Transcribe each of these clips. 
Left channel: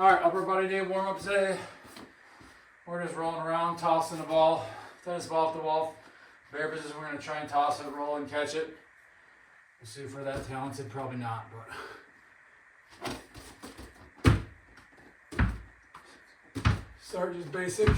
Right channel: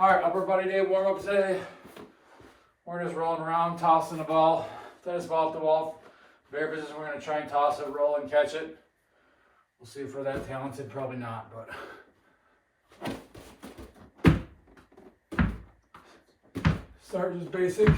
All right, upper body day warm up today. We're just rolling around, tossing the ball, tennis ball at the wall. Bare business, we're gonna try and toss it, roll and catch it. We'll see if we're that talented, probably not, but. Start just basic.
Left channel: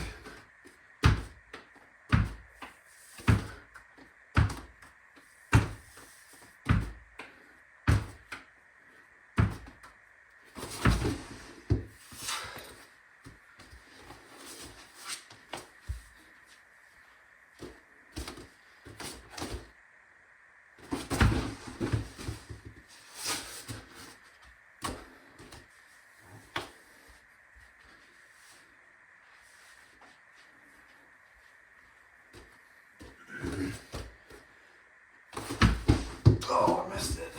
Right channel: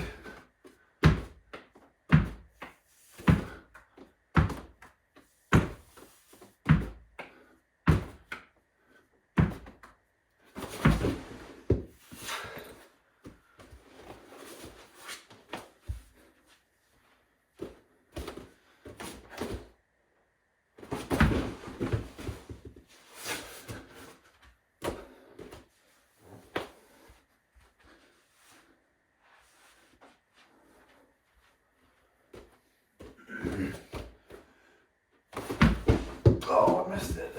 Oh, I missed it.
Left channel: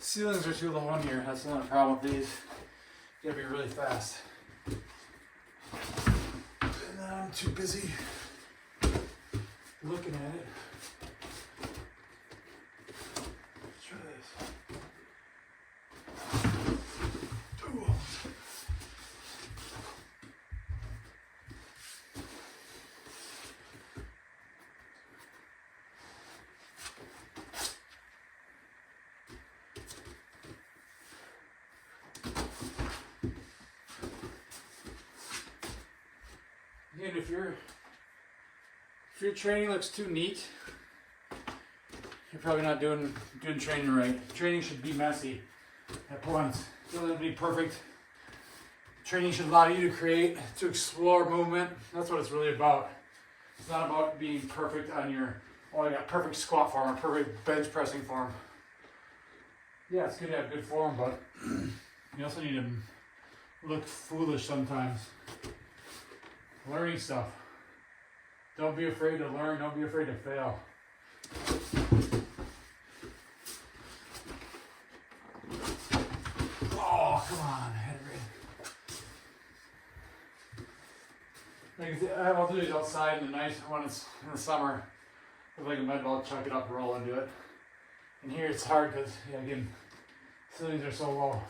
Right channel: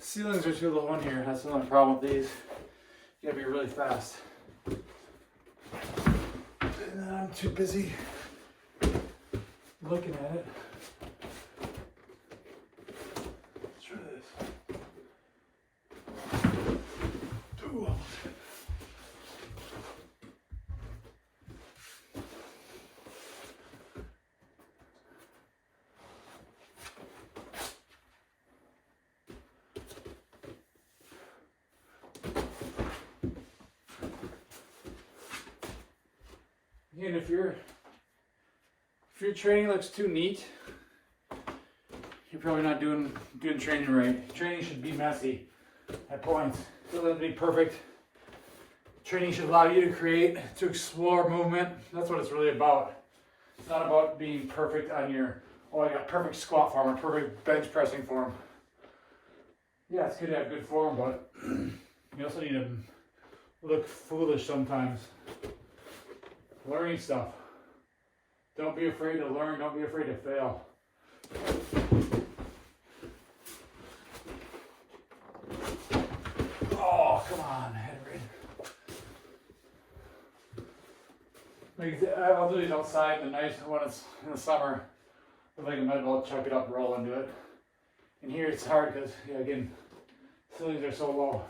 Ceilings are too low on here. That's another problem with these. You gotta be really fast. And then I'm too busy looking at it. Let's try this. Ooh. And if your training looks too neat, you're probably not doing training right. Training should be messy at points. It doesn't be perfect. Training should allow you to explore movement. That's what it's really about. It's not about being perfect on your, oh, I got perfect squat form or perfect bench pressing form. Yeah, it's good to have good form, but you also need to look foolish sometimes. Learning stuff. Don't be afraid to learn. Don't be afraid to fail. Oh, come on, Henry. I'll do it outside in the night when it's in the summer. I think I might as well chuck it up, roll, and do it. And here it's hard because, yeah, again, ceilings are so low.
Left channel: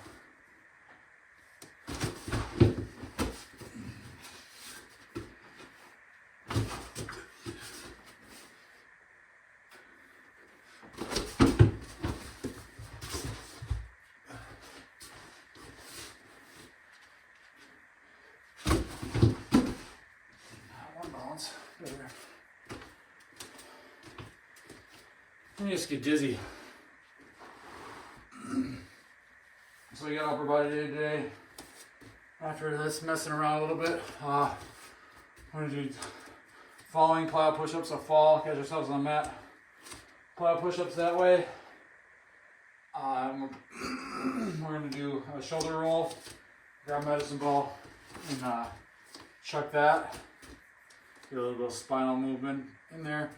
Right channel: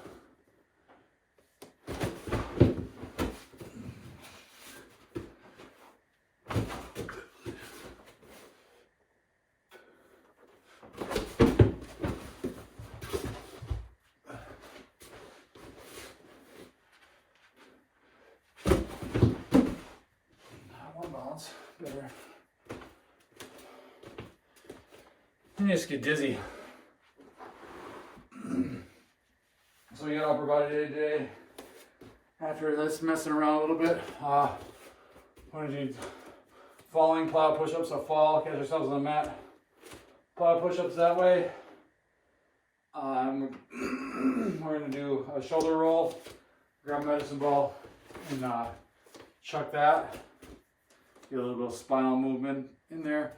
Better. I just get dizzy. So we got upper body day today. After this messing around a little bit, we're gonna do falling plow push-ups. So fall, catch ourselves on the mat. Plow push-ups that way. We're gonna do a shoulder roll, grab a medicine ball, and chuck that. Get a little bit of spinal movement in there.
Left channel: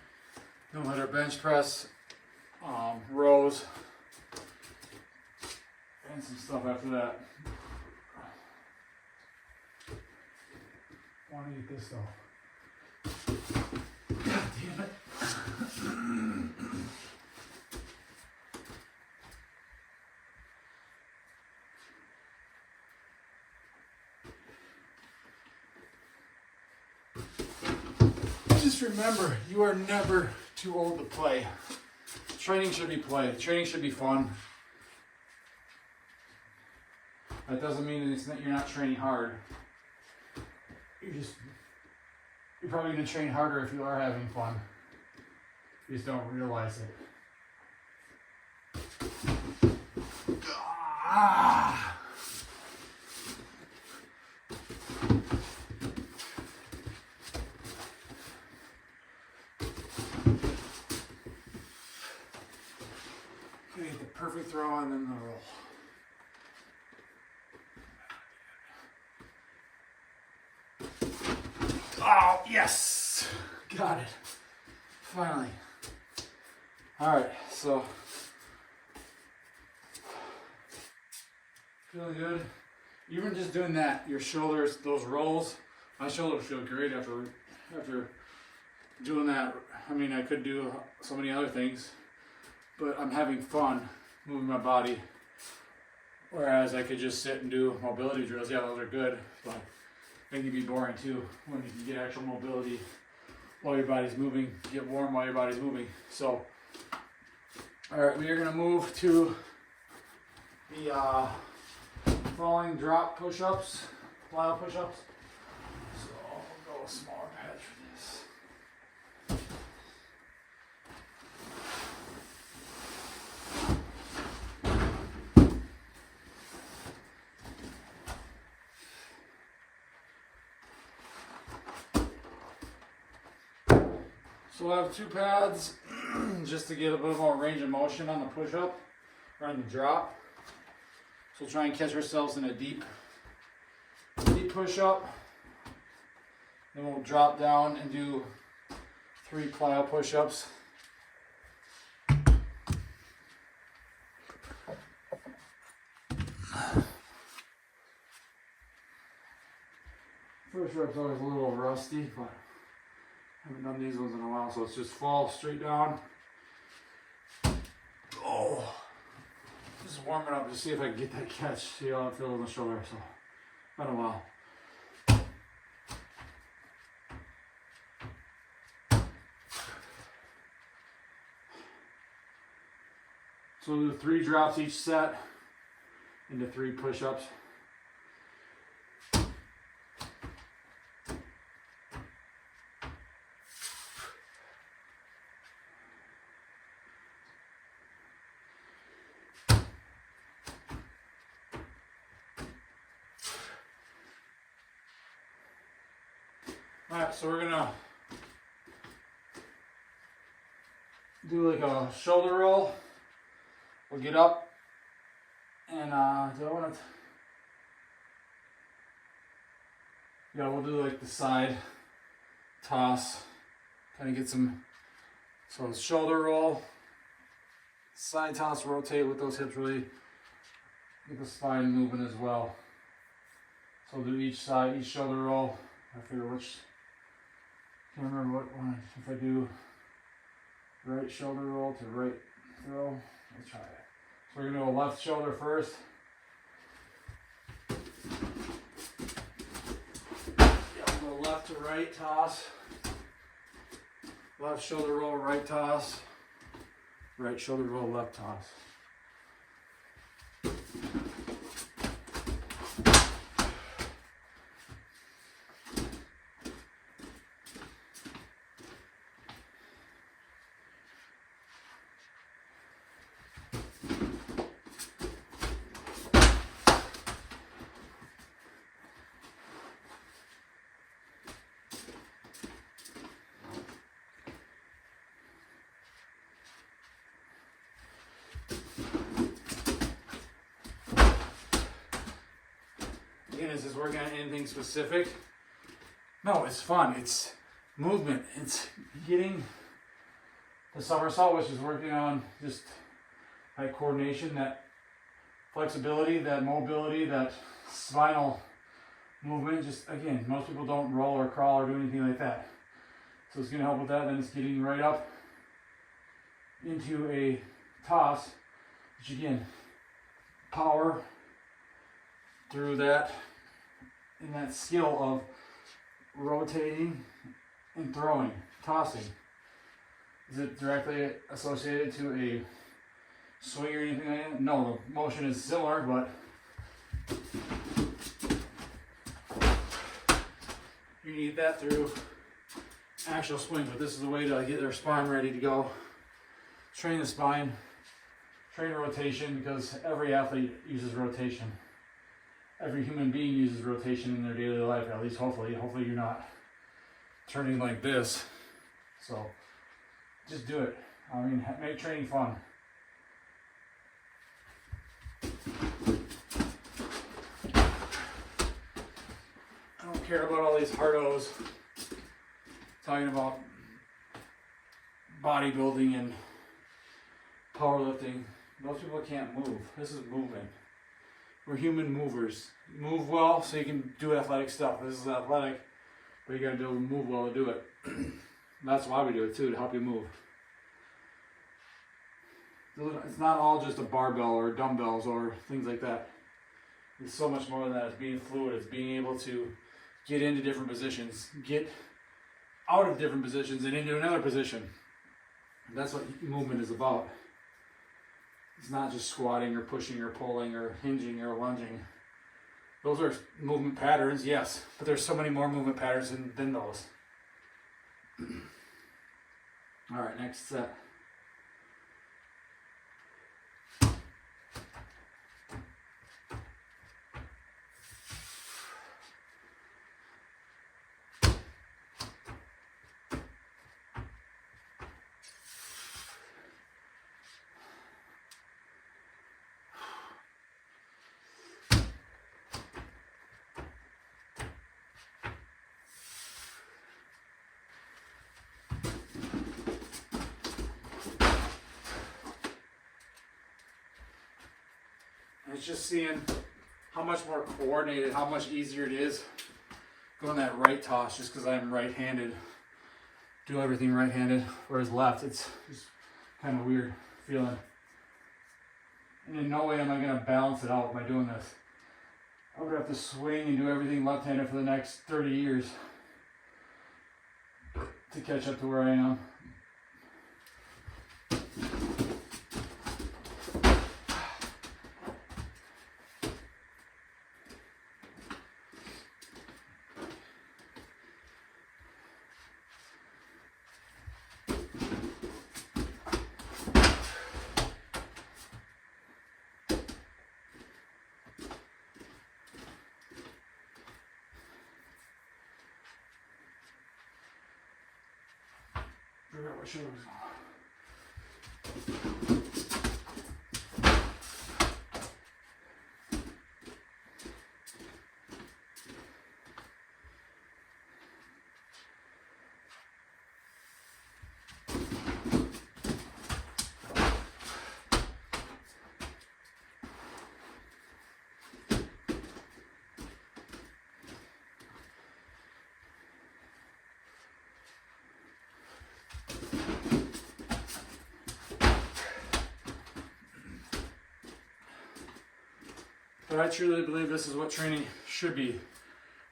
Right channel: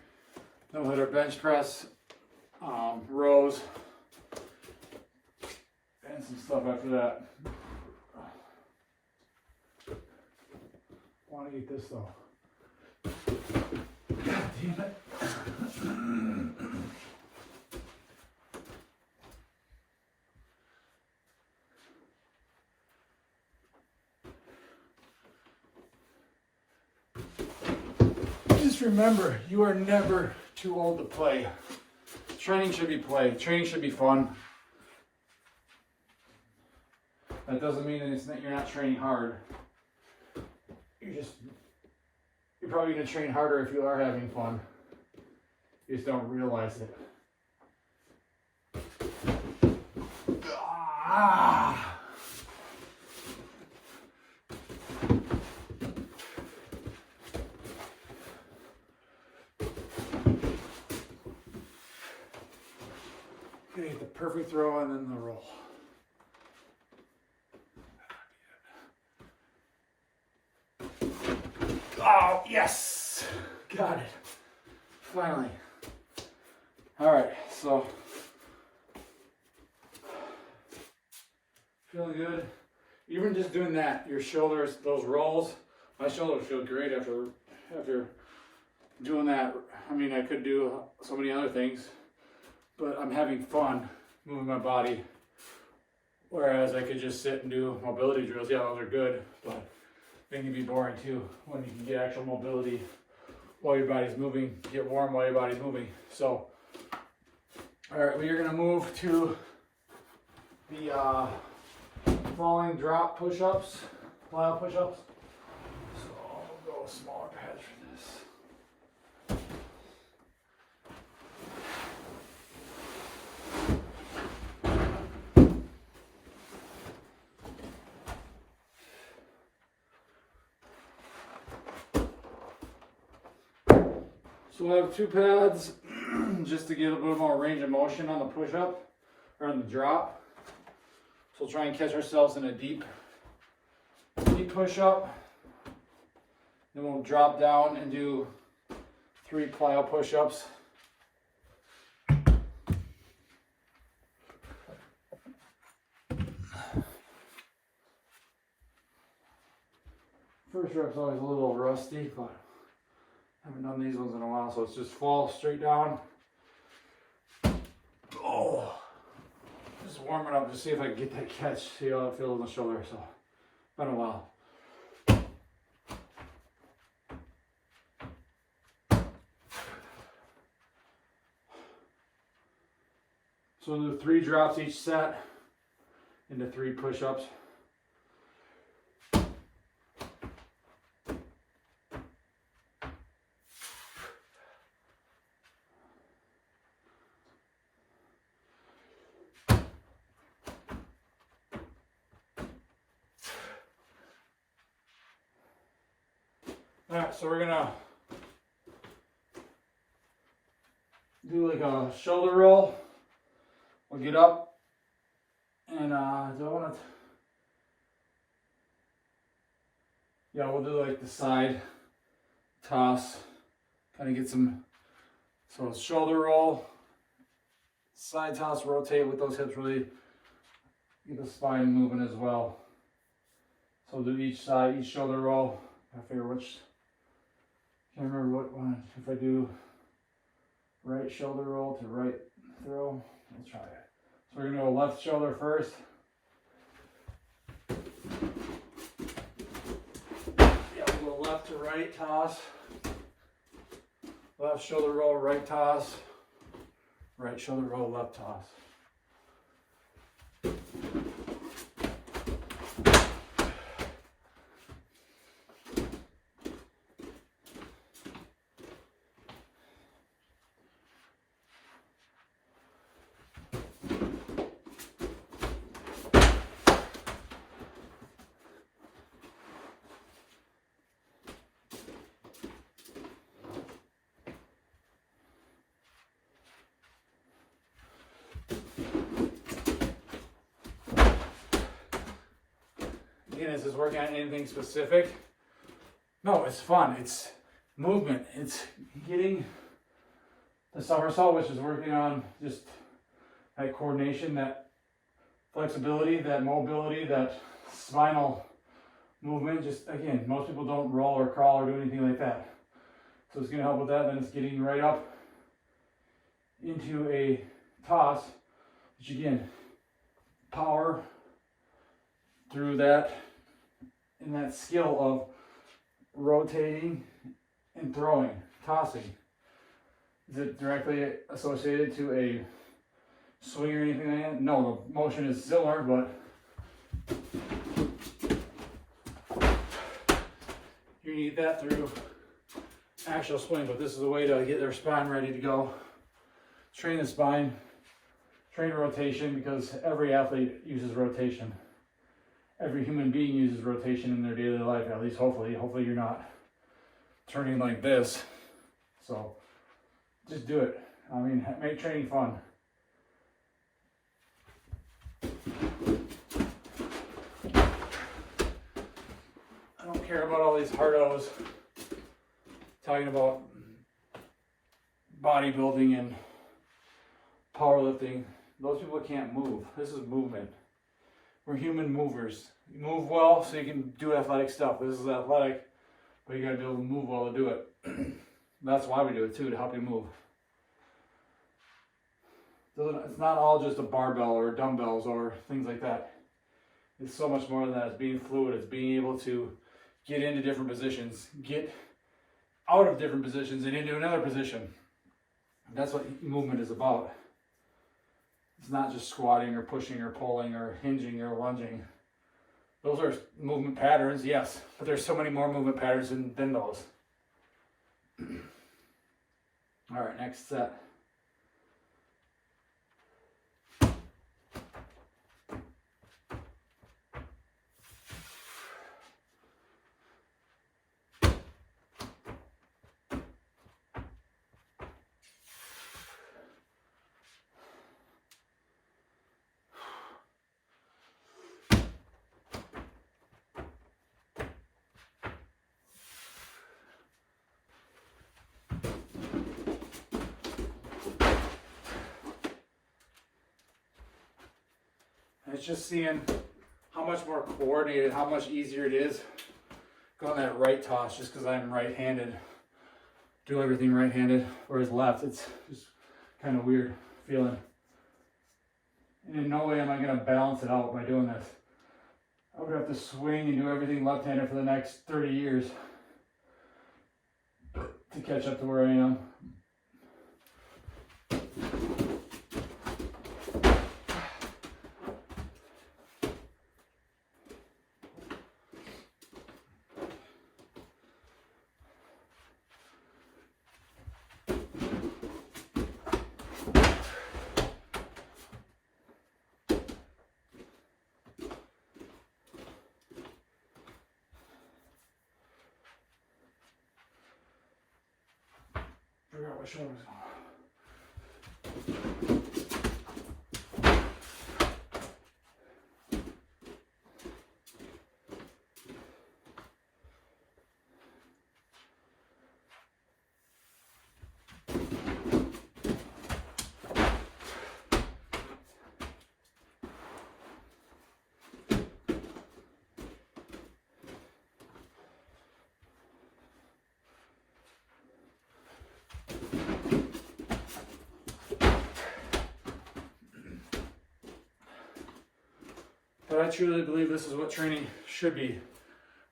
Then we'll hit our bench press, rows, and some stuff after that. I want to eat this though. God damn it. Just remember, you are never too old to play. Training should be play. Training should be fun. That doesn't mean that you're not training hard. You're probably going to train harder if you are having fun. You just don't realize it. Ah! Get the perfect throw and then the roll. Oh, yes! Got it. Finally. All right, so feeling good. Even just doing that, your shoulders, those rolls, my shoulders feel great after doing that. I mean, I could do so many other things, but I'm having fun moving my body. Whereas I could just sit and do mobility drills. Yeah, those are good, but they can be boring too when you can get actual mobility while your body's moving, get warm while your body's moving. So, all right, we are gonna move to the falling drop push-ups, plyo push-ups. So I'll go with smaller pads for this. So we'll have 2 pads just to get a little more range of motion on the push-up or on the drop. So we'll try and catch ourselves in a deep push-up. Then we'll drop down and do 3 plyo push-ups. First rep's always a little rusty, but I haven't done these ones in a while, so it's just fall straight down. Oh, just warming up to see if I can get that catch. See how it feels on the shoulder. So, been a while. So we'll do 3 drops each set into 3 push-ups. Alright, so we're gonna do like a shoulder roll. We'll get up and do I want to? Yeah, we'll do like the side toss, kind of get some. So it's shoulder roll, side toss, rotate with those hips, really get the spine moving as well. So we'll do each side, each shoulder roll. I figure which. Can't remember what one. If I do right shoulder roll to right throw, let's try it. So we're gonna go left shoulder first. Yeah, we'll go left to right toss. Left shoulder roll, right toss. Right shoulder roll, left toss. Again, is this working on anything specific? No, it's fun. It's movement. It's getting the somersault, which is working on just that coordination, that flexibility, that mobility, that spinal movement. Just again, most people don't roll or crawl or do anything like that. So it's going to help with that. Then it's getting right up into a toss, which again, power through that, and that skill of rotating and throwing, tossing. Is it directly associated to a swing or anything like that? No, the motion is similar, but you need that through actual swing. But this is a way to get their spine ready to go. Train the spine, train rotation, because every athlete uses rotation. Every human being uses rotation in their daily life, at least hopefully. Hopefully you're not turning like this. So just do it. I mean, make training fun. I don't care about all these hard O's talking about bodybuilding and powerlifting, those people can't move. This is movement. We're human movers. Move well so you can do athletic stuff. This is athletic, but you gotta be able to move well to do it. That's why we do it too, to help you move. It's not all just a barbell or dumbbells or things like that. It's so much more than that. It's being fluid. It's being able to get into different positions, get out of different positions and into another position. And that's what movement is about. It's not just squatting or pushing or pulling or hinging or lunging. Those are movement patterns, yes, but there's so many more movement patterns than those. All right, next set. It's just seeing how much more coordinated, how much easier it is going that right toss just because I'm right-handed. Do everything right-handed, whereas left, it's just kind of weird feeling. And in no way am I going to balance it out by doing this. I would have to swing and do everything left-handed for the next 30 years to catch up to where I am. But I truly believe this is what training should be.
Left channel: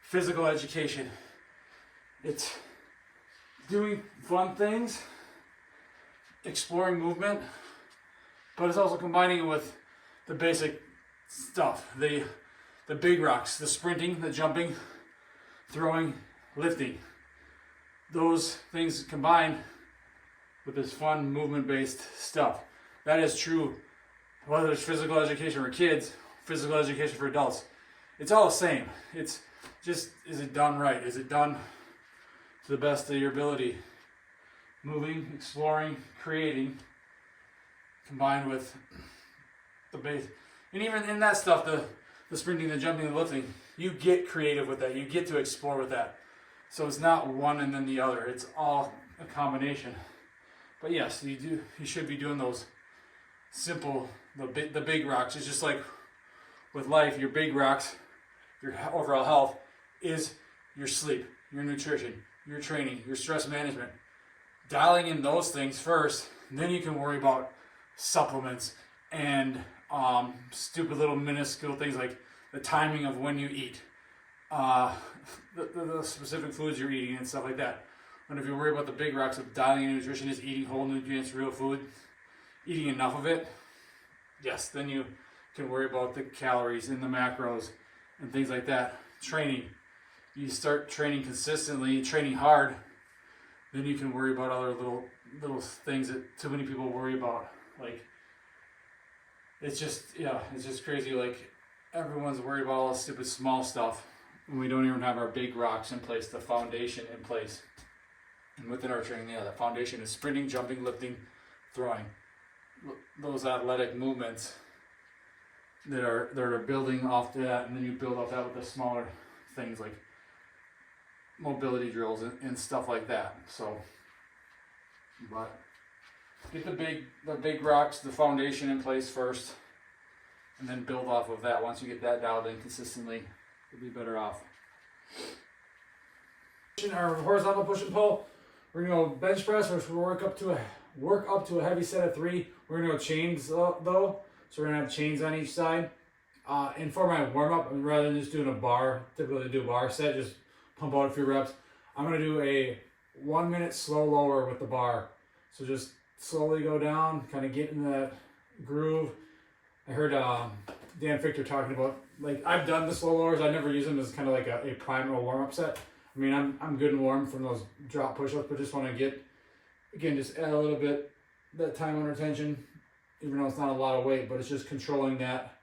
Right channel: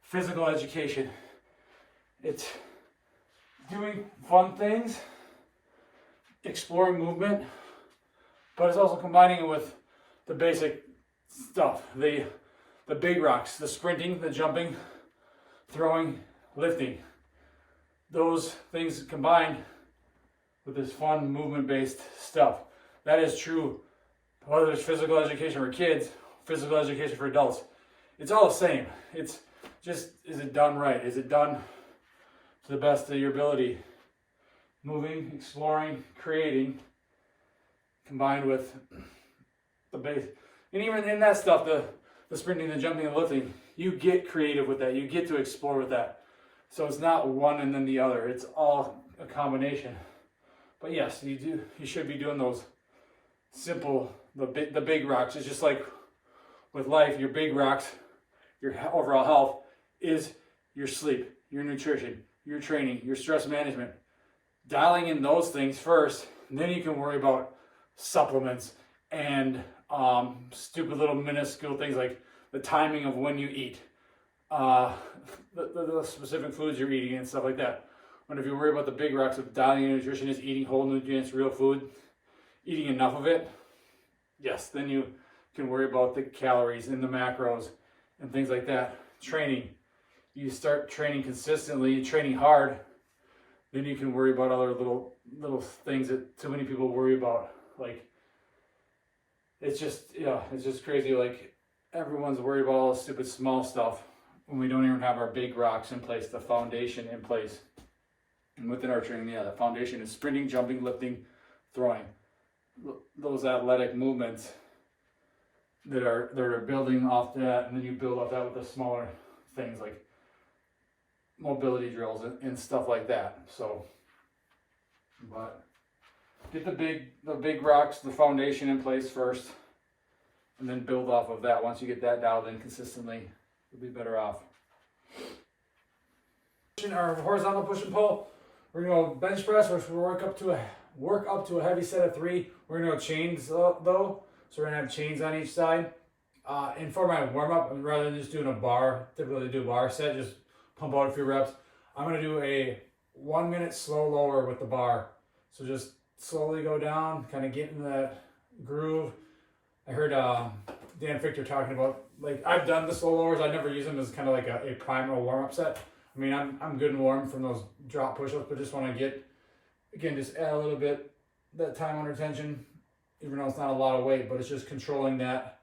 Physical education. It's doing fun things, exploring movement, but it's also combining it with the basic stuff. The big rocks, the sprinting, the jumping, throwing, lifting. Those things combined with this fun movement-based stuff. That is true whether it's physical education for kids, physical education for adults. It's all the same. It's just, is it done right? Is it done to the best of your ability? Moving, exploring, creating, combined with the base. And even in that stuff, the sprinting, the jumping, the lifting, you get creative with that. You get to explore with that. So it's not one and then the other. It's all a combination. But yes, you should be doing those simple, the big rocks. It's just like with life, your big rocks, your overall health is your sleep, your nutrition, your training, your stress management. Dialing in those things first, and then you can worry about supplements and stupid little minuscule things like the timing of when you eat, the specific foods you're eating and stuff like that. When if you worry about the big rocks of dialing in nutrition is eating whole nutrients, real food, eating enough of it, yes, then you can worry about the calories and the macros and things like that. Training, you start training consistently, training hard, then you can worry about other little things that too many people worry about. Like, it's just crazy. Like, everyone's worried about all the stupid small stuff when we don't even have our big rocks in place, the foundation in place. And within our training, the foundation is sprinting, jumping, lifting, throwing. Those athletic movements that are building off that, and then you build off that with the smaller things like mobility drills and stuff like that. So, but Get the big rocks, the foundation in place first, and then build off of that. Once you get that dialed in consistently, you'll be better off. Our horizontal push and pull, we're gonna go bench press, which we'll work up to a heavy set of 3. We're gonna go chains though, so we're gonna have chains on each side. And for my warm up, rather than just doing a bar, typically do a bar set, just pump out a few reps. I'm gonna do a 1 minute slow lower with the bar. So just slowly go down, kind of get in that groove. I heard Dan Fichter talking about, like, I've done the slow lowers. I never use them as kind of like a primer or warm up set. I mean, I'm good and warm from those drop push-ups, but just want to get, again, just add a little bit that time under tension, even though it's not a lot of weight, but it's just controlling that,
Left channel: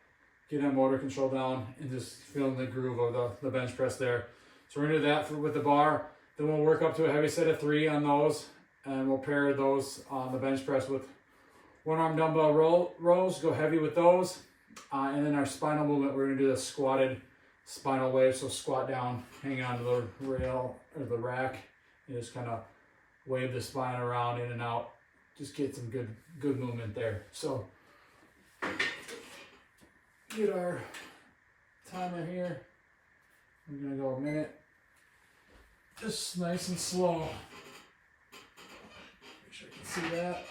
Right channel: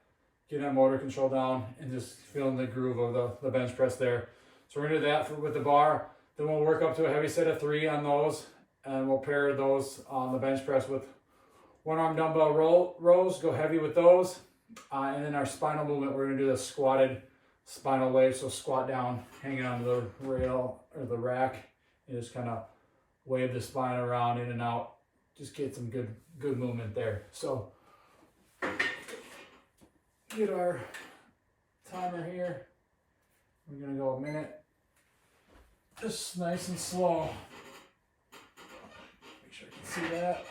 getting that motor control down and just feeling the groove of the bench press there. So we're gonna do that with the bar. Then we'll work up to a heavy set of 3 on those, and we'll pair those on the bench press with 1 arm dumbbell rows, go heavy with those. And then our spinal movement, we're gonna do the squatted spinal wave. So squat down, hang on to the rail or the rack, and just kind of wave the spine around in and out. Just get some good movement there. So get our timer here. We're gonna go a minute. Just nice and slow. Make sure you can see that.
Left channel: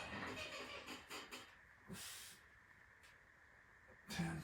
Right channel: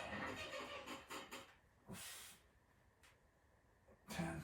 10.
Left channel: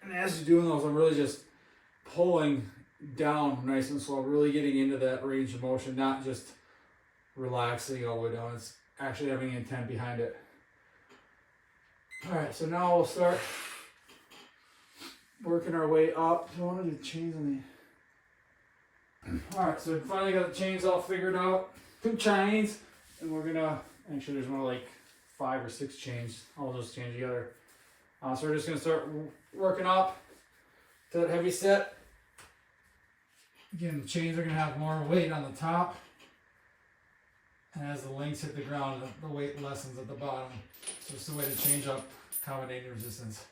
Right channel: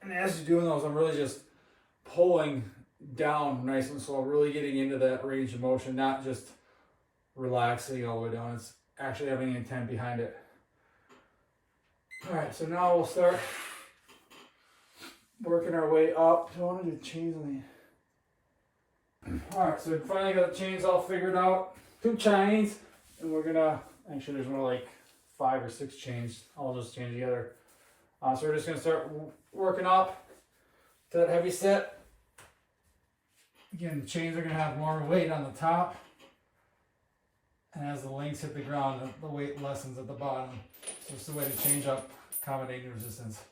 And as you're doing those, I'm really just pulling down nice and slow, really getting into that range of motion, not just relaxing all the way down. It's actually having intent behind it. All right, so now we'll start working our way up. Do I want to do chains on the... All right, so we finally got the chains all figured out. 2 chains, and we're gonna, actually there's more like 5 or 6 chains, all just chained together. So we're just gonna start working up to that heavy set. Again, the chains are gonna have more weight on the top, and as the links hit the ground, the weight lessens at the bottom. So it's a way to change up accommodating resistance.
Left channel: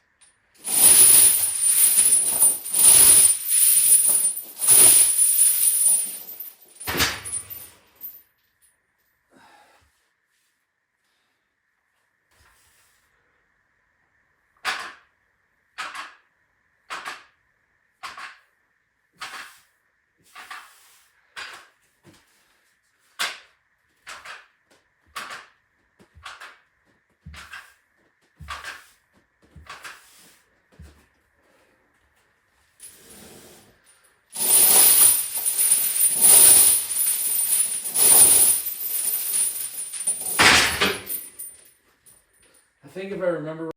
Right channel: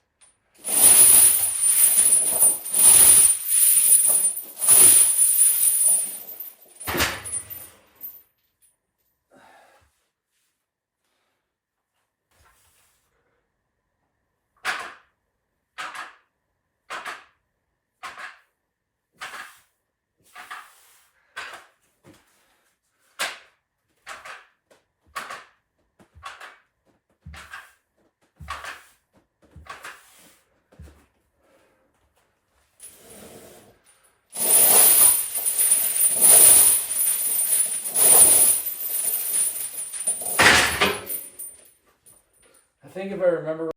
I think if I remember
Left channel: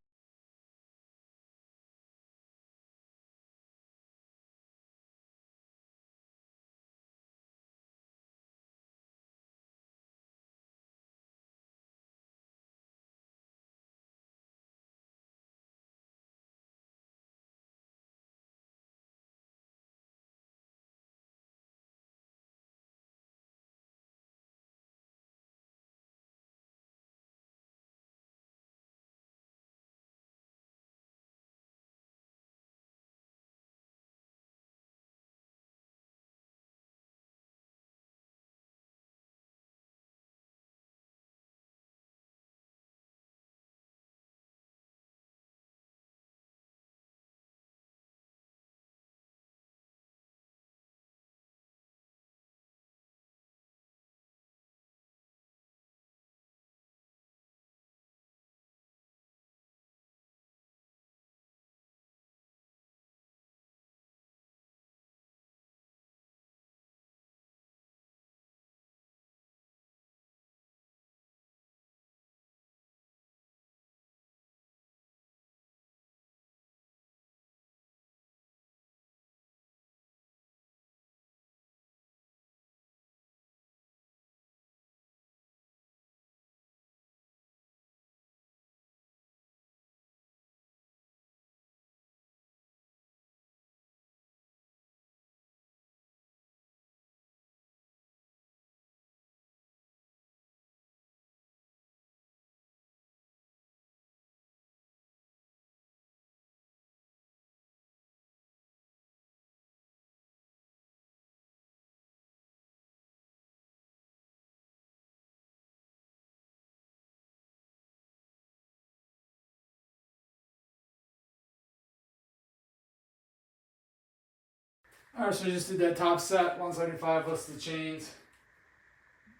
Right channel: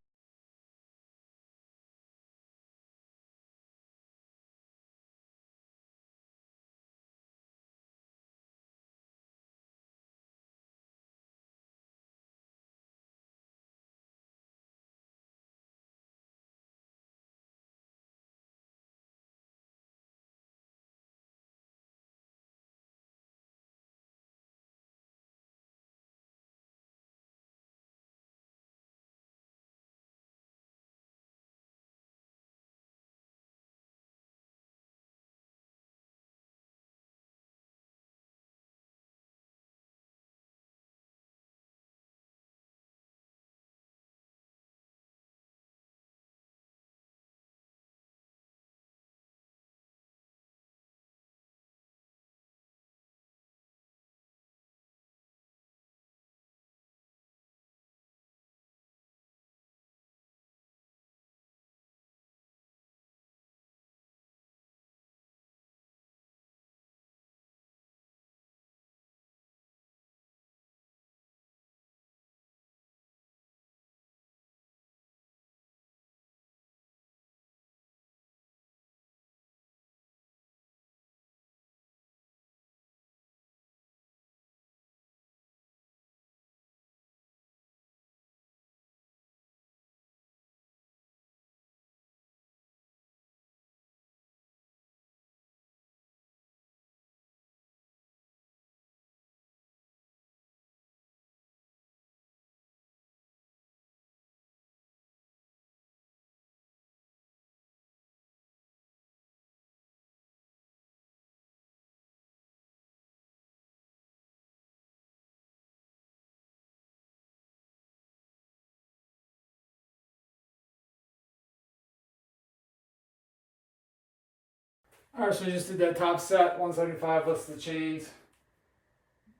Alright, so we just did that top set, 175 plus the chains.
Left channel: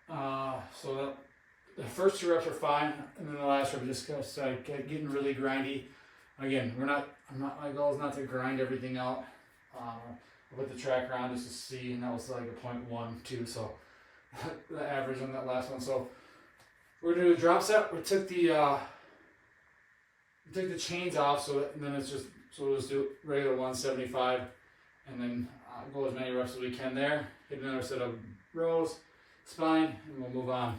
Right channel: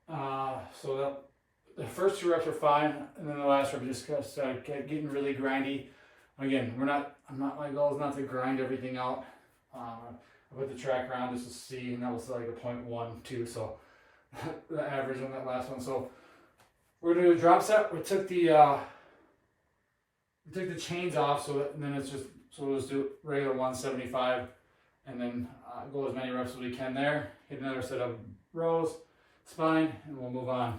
So the first 2 reps are fine, and then the last rep just kept getting really grindy. Again, my goal is not to grind everything out. I put the tracker on just to see, and that was like a 0.12, so the average on that last one. So we're gonna do a drop set. We took the chains off, and then it's just, so we'll just do regular 175, and then go as many reps as we can there. Hit another set of rows, spine, and we'll move on.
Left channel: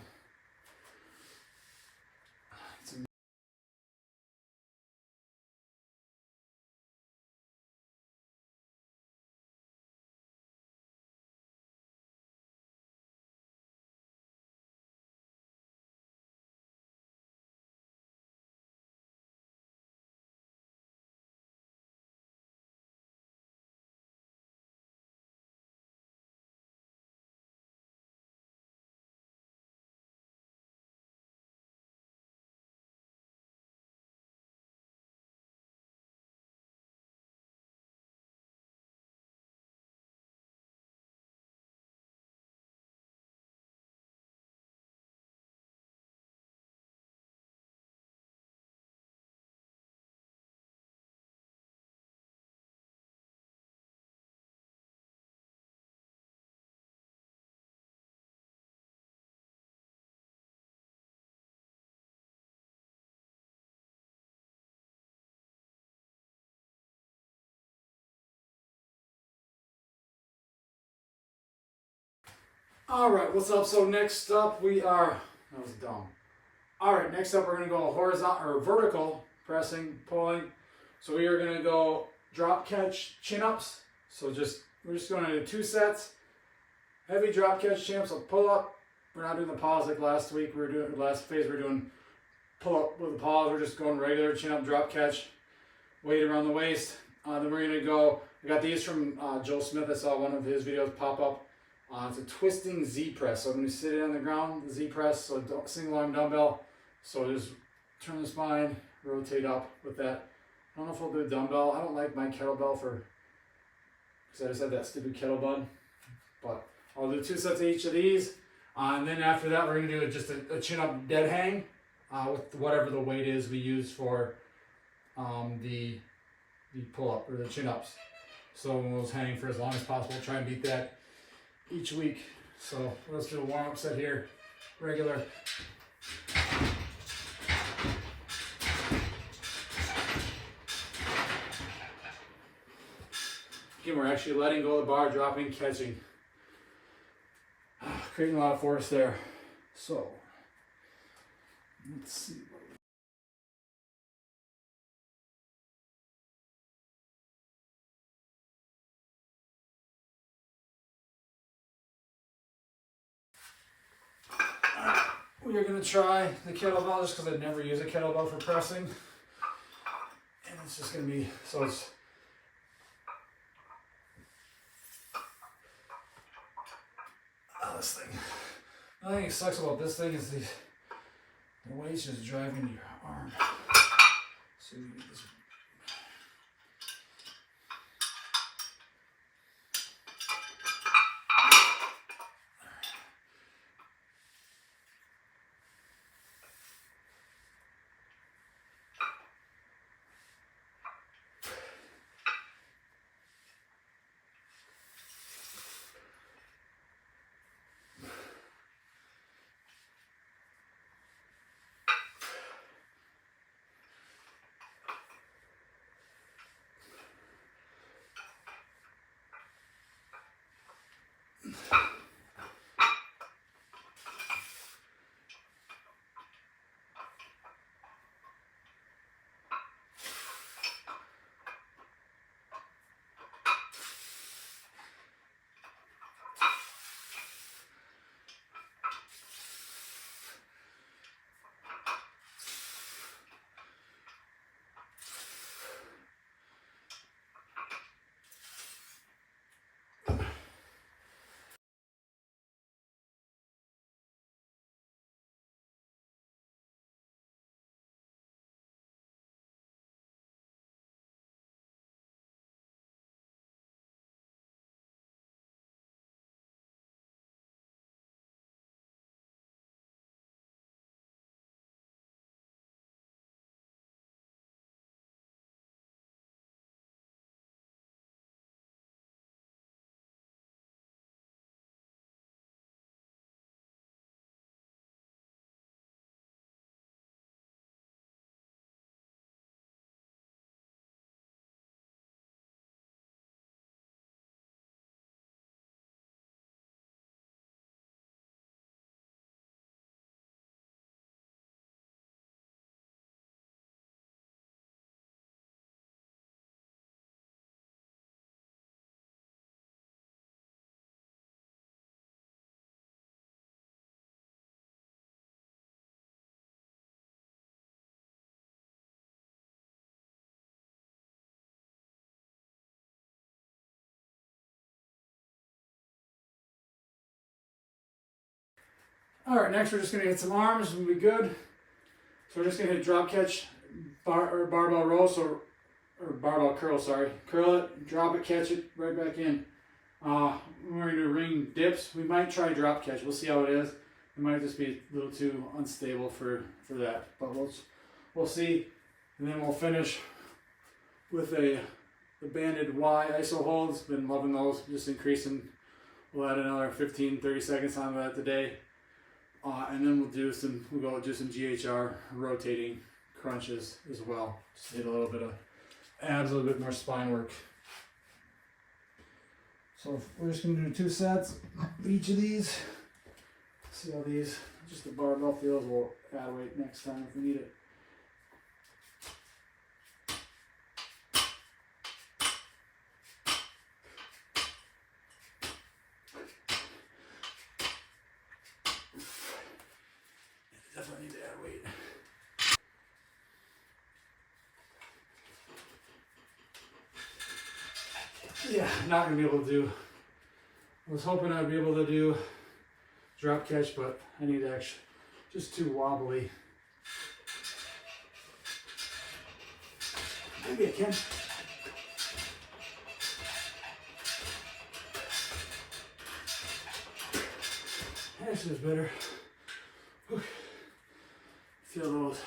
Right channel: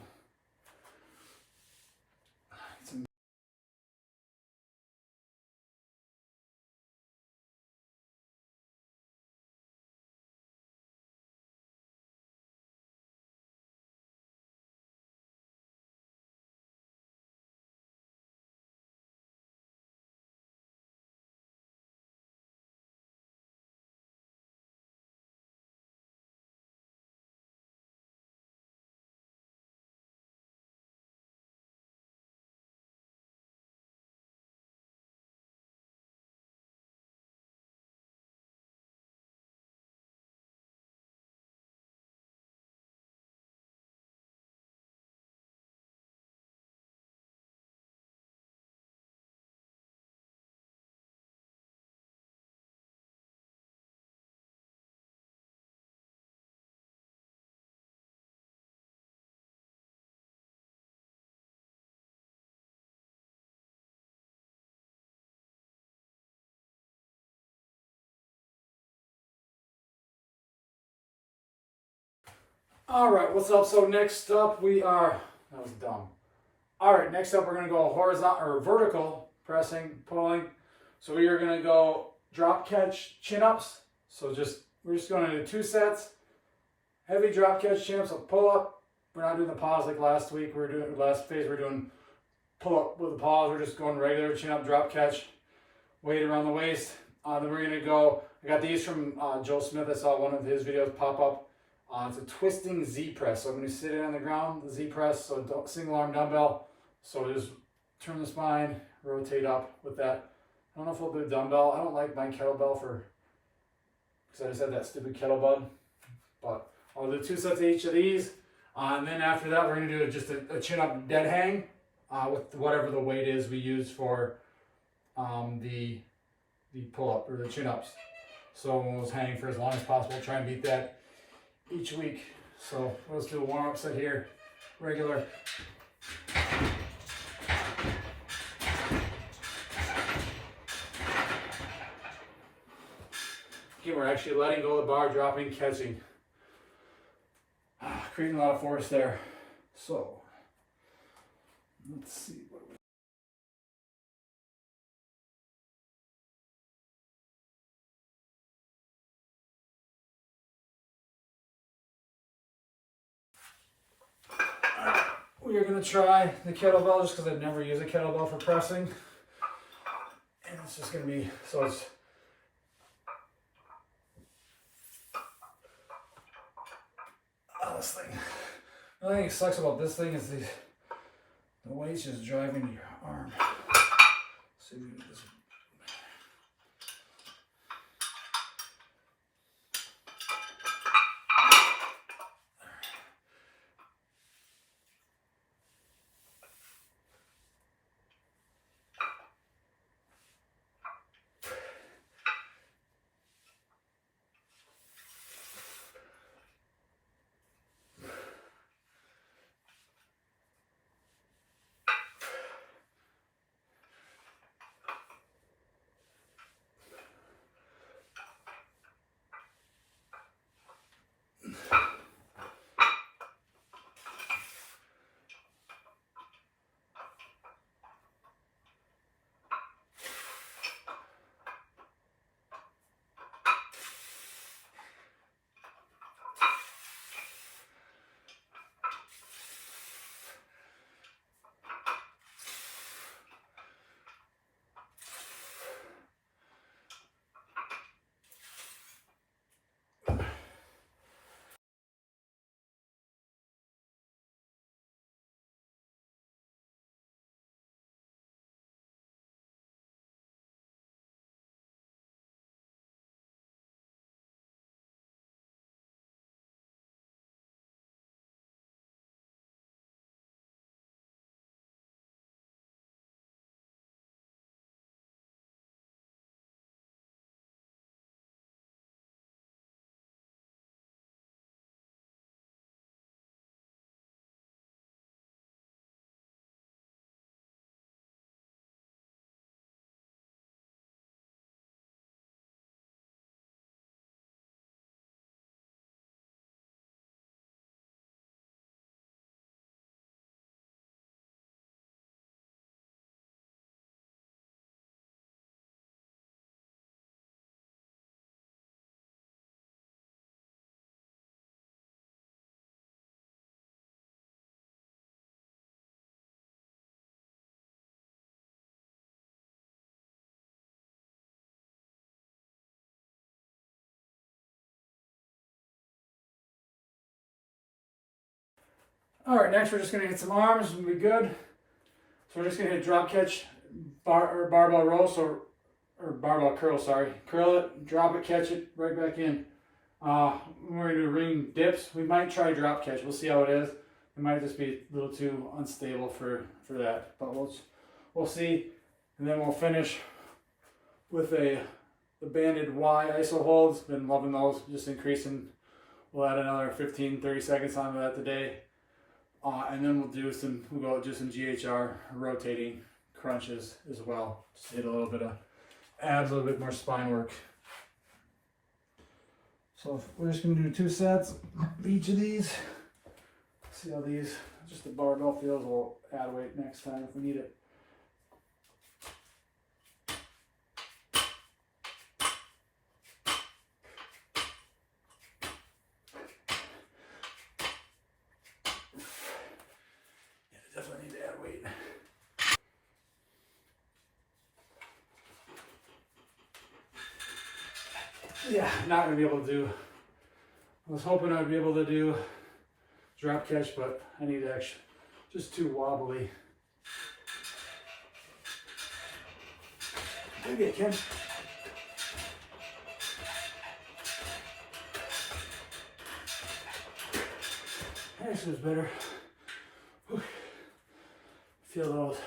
Alright, what's up? So next up that was dumb. Alright, next up we're going to go horizontal or vertical pressing, pulling. So we are going to go drop catch chin ups. So we're just going to do 2 sets. Heavy drop catch chin ups, so pull up. We're not doing the pause like last week. Last phase we're doing pull up with a pause. We're just going regular chin up, drop catch, weight around the waist. Then we're going to go, I got these from Joe Smith. I saw one of his videos pop up. It's a twisting Z press. So I'm going to sit it on the ground, the Z press, so single arm dumbbell. So just turn the spine, rotate up with that. I don't know if I'll do a dumbbell. I don't like my kettlebell because I just had that stupid kettlebell. But I'll do 2 sets of each of these. And then after that, we're going to do just a chin up dead hang with whatever the weight is we use for the pull up or the chin ups. So we'll just hang for as long as possible. Try and beat that each week. So let's do a warm-up set here, regular. Again, we're actually letting go of the bar, dropping, catching. Creating a lot of force there. So let's see. We are going to try the kettlebell just because I've never used a kettlebell for pressing. And it's just going to be, so it's this thing. The only thing that sucks about this thing is the weight's just driving your arm. See if we can get this. All right, next we're just gonna hit some arms and be good. So we're just gonna hit drop catch, barbell row, or barbell curl, sorry. Curl it, drop it, catch it, right back in. We're gonna do ring dips. We might try drop catch. We'll see how it is. It might just be a little too unstable for that, but we'll see. And then we'll finish with the banded Y iso holds. Been loving those, just increasing. We'll add another 15-30 seconds onto that today. And then we'll do some GHR rotating crunches as well. Just hit a little bit of abs, a little bit more spine work. So we're just gonna do 2 sets of each of these. See how these, just the barbell feels. We'll add weight next time if we need it. Definitely need to add weight. Yeah, not gonna be able to do. I was hoping I'd be able to do drop catch, but I need to actually just too wobbly. Maybe I can. This is better. Whew. Feel those.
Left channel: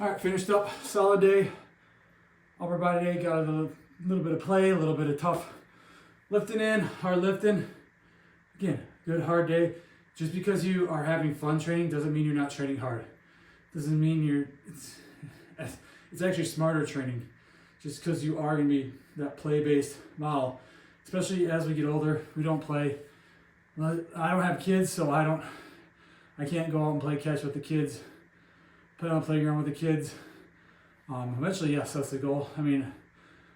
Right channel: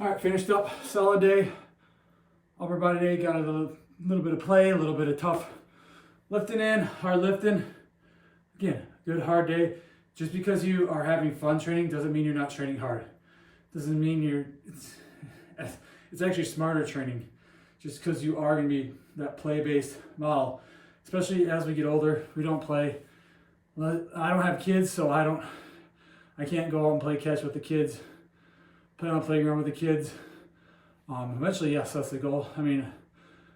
All right, finished up, solid day. Upper body day, got a little bit of play, a little bit of tough lifting in, hard lifting. Again, good hard day. Just because you are having fun training doesn't mean you're not training hard. Doesn't mean it's actually smarter training. Just because you are gonna be that play-based model. Especially as we get older, we don't play. I don't have kids, so I can't go out and play catch with the kids. Play on the playground with the kids. Eventually, yes, that's the goal. I mean,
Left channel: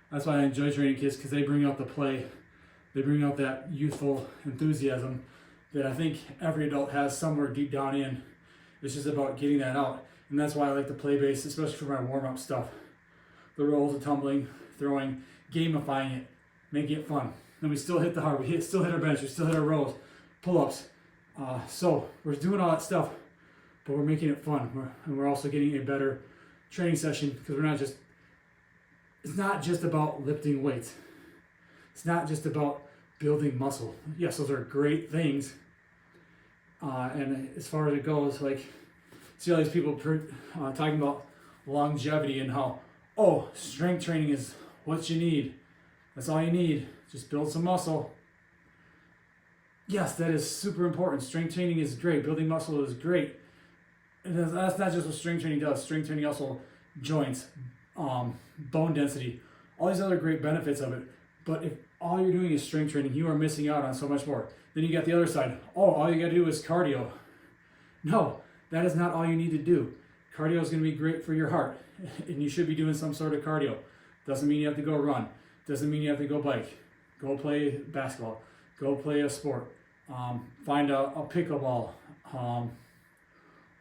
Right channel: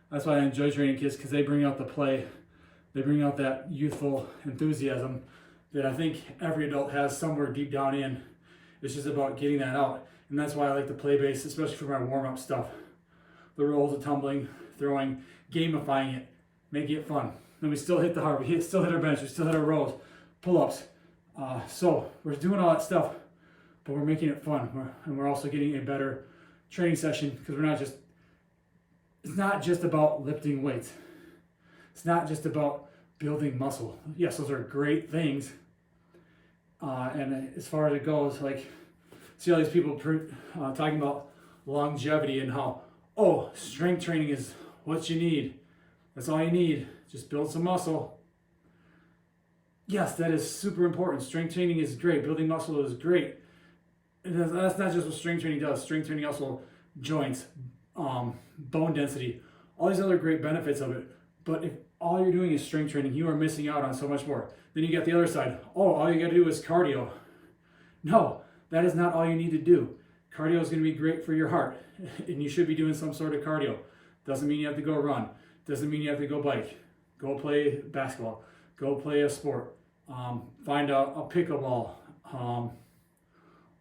that's why I enjoy training kids, because they bring out the play. They bring out that youthful enthusiasm that I think every adult has somewhere deep down in. It's just about getting that out. And that's why I like to play base, especially for my warm-up stuff. The rolls, the tumbling, throwing, gamifying it, making it fun. And we still hit the hard, still hit our bench, we still hit our rows, pull-ups. So we're doing all that stuff, but we're making it fun. And we're also getting a better training session, because it's not just about lifting weights. It's not just about building muscle. Yes, those are great things. And as far as it goes, like, see all these people talking about longevity and how, oh, strength training is what you need. That's all you need. Just build some muscle. Yes, that is super important. Strength training is great. Building muscle is great. And that's not just what strength training does. Strength training also joints, bone density, all these other great benefits of it. But if all you're doing is strength training, you are missing out on so much more. Then you get the other side. Oh, all you got to do is cardio. No, that is not all you need to do. Cardio is going to be great for your heart, and you should be doing some sort of cardio. Doesn't mean you have to go run. Doesn't mean you have to go bike. Go play basketball. Go play a sport. Find a pickleball,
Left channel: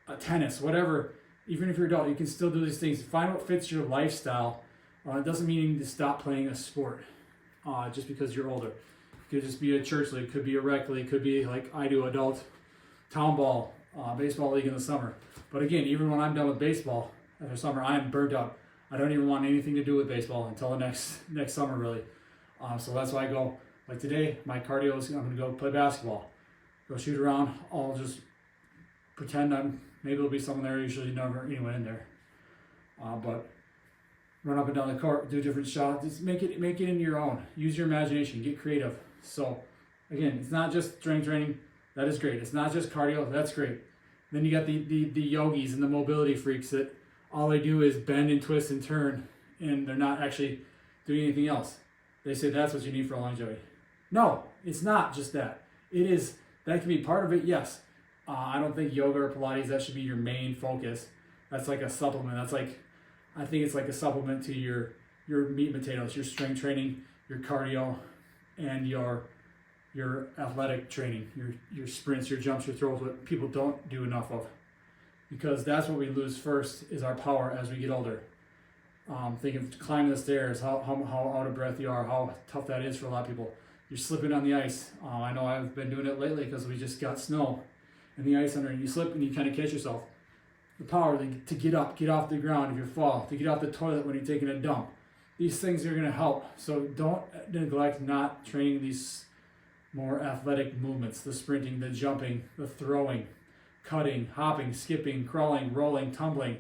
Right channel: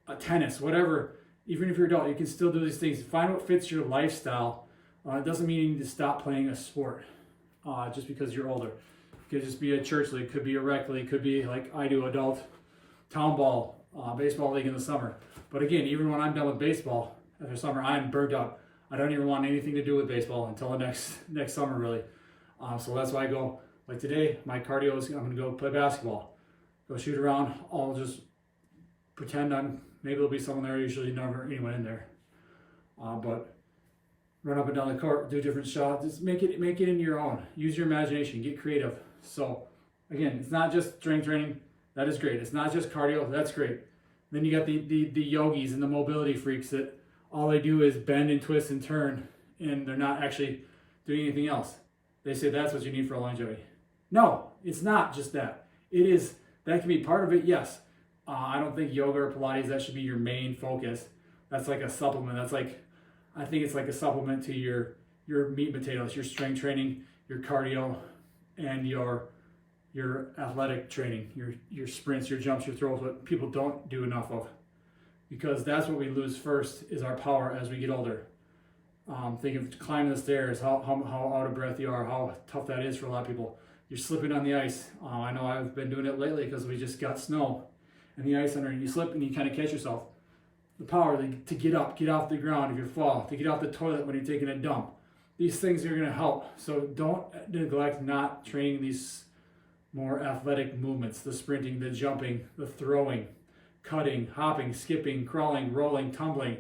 a tennis, whatever. Even if you're adult, you can still do these things. Find what fits your lifestyle. It doesn't mean you need to stop playing a sport just because you're older. It could just be a church league, could be a rec league, could be like I do, adult town ball, baseball league in the summer. But again, even when I'm done with baseball after summer, I am burnt out. I don't even want anything to do with baseball until the next summer, really. So that's why I go, like today, my cardio is I'm going to go play basketball. Go shoot around. I'll just pretend maybe there'll be someone there, usually never anyone in there. But run up and down the court, do different shots. Just make it into your own. Use your imagination, get creative. So again, it's not just strength training. That is great. It's not just cardio. That's great. Then you got the yogis and the mobility freaks that all they do is bend and twist and turn, and they're not actually doing anything else. They say that's what you need for longevity. No, it's not just that. It is, that can be part of it, yes. I don't think yoga or Pilates, that should be your main focus. That's like a supplement. I think it's like a supplement to your meat and potatoes, your strength training, your cardio, and your athletic training, your sprints, your jumps, your throws, what people don't do enough of. Because that's what we lose first, is our power as we get older. Think of climbing the stairs, how out of breath you are, how tough that is for a lot of people. You're slipping on the ice. I know I've been doing it lately because we just got snow and the ice under, and you slip and you kind of catch yourself. The power to get off the ground if you fall, to get off the toilet when you're taking a dump. These things are going to help. So don't neglect not training these more athletic movements, the sprinting, the jumping, the throwing, cutting, hopping, skipping, crawling, rolling, tumbling.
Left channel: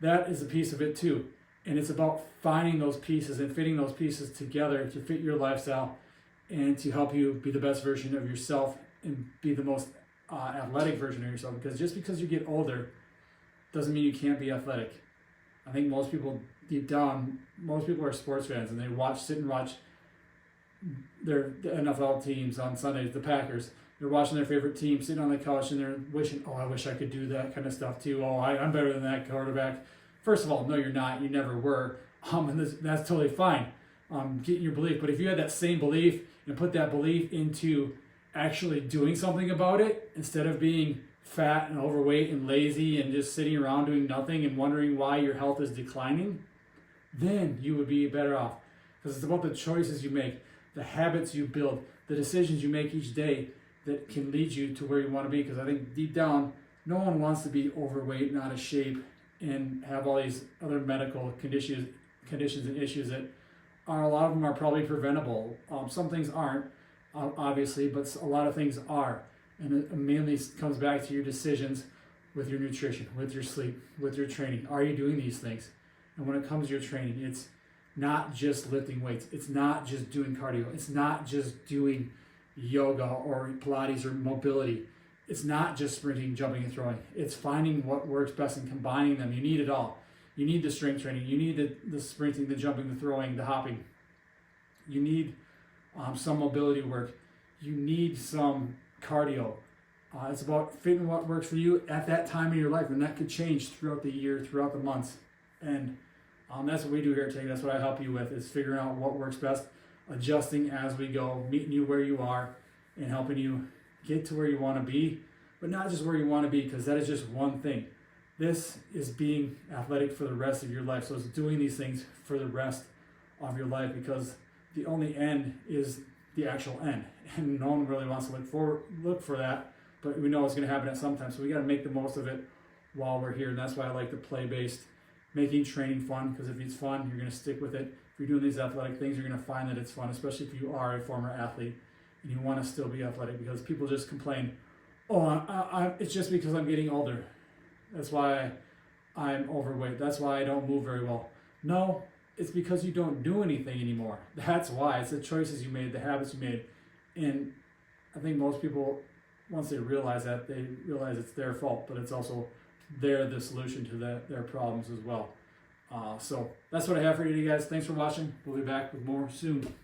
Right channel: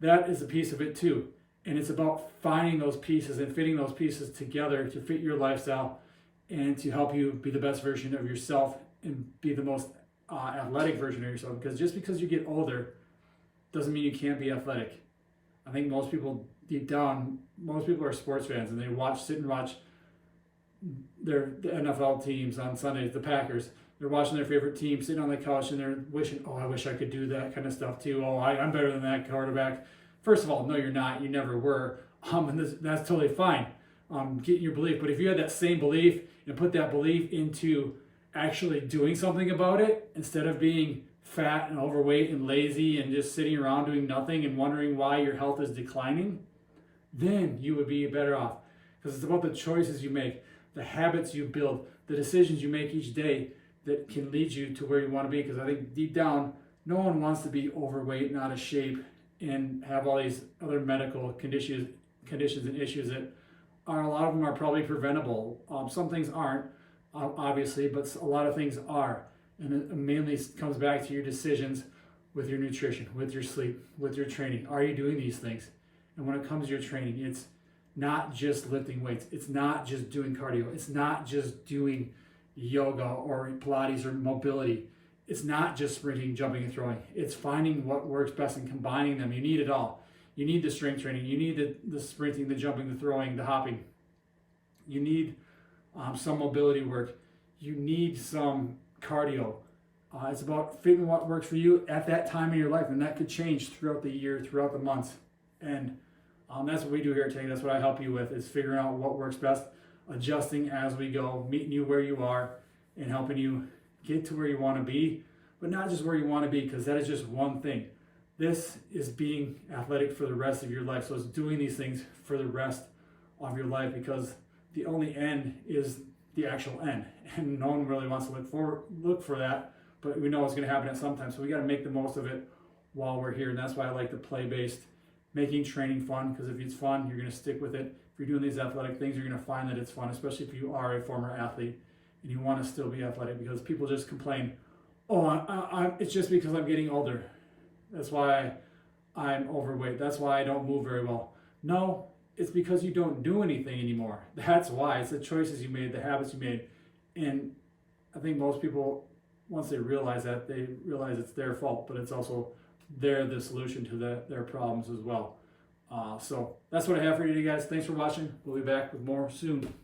That is a piece of it too. And it's about finding those pieces and fitting those pieces together to fit your lifestyle and to help you be the best version of yourself and be the most athletic version of yourself. Because just because you get older doesn't mean you can't be athletic. I think most people deep down, most people are sports fans and they sit and watch the NFL teams on Sundays, the Packers. They're watching their favorite team, sitting on the couch, and they're wishing, oh, I wish I could do that kind of stuff too. Oh, I'm better than that quarterback. First of all, no, you're not. You never were. And that's totally fine. Getting your belief. But if you had that same belief and put that belief into actually doing something about it, instead of being fat and overweight and lazy and just sitting around doing nothing and wondering why your health is declining, then you would be better off. Because it's about the choices you make, the habits you build, the decisions you make each day that can lead you to where you want to be. Because I think deep down, no one wants to be overweight and out of shape and have all these other medical conditions and issues that are, a lot of them are probably preventable. Some things aren't, obviously, but a lot of things are. And it mainly comes back to your decisions with your nutrition, with your sleep, with your training. Are you doing these things? And when it comes to your training, it's not just lifting weights. It's not just doing cardio. It's not just doing yoga or Pilates or mobility. It's not just sprinting, jumping, and throwing. It's finding what works best and combining them. You need it all. You need the strength training. You need the sprinting, the jumping, the throwing, the hopping. You need some mobility work. You need some cardio. It's about fitting what works for you at that time in your life, and that could change throughout the year, throughout the months. And that's what we do here at Tank. That's what I help you with, is figuring out what works best, adjusting as we go, meeting you where you are, and helping you get to where you want to be, but not just where you want to be, because that is just one thing. This is being athletic for the rest of your life. So it's doing these things for the rest of your life, because the only end is the actual end, and no one really wants to look for that, but we know it's going to happen at some time. So we got to make the most of it while we're here, and that's why I like the play-based, making training fun, because if it's fun, you're going to stick with it. If you're doing these athletic things, you're going to find that it's fun, especially if you are a former athlete and you want to still be athletic, because people just complain, oh, it's just because I'm getting older. That's why I'm overweight. That's why I don't move very well. No, it's because you don't do anything anymore. That's why. It's the choices you made, the habits you made. And I think most people, once they realize that, they realize it's their fault, but it's also they're the solution to their problems as well. So that's what I have for you guys. Thanks for watching. We'll be back with more soon.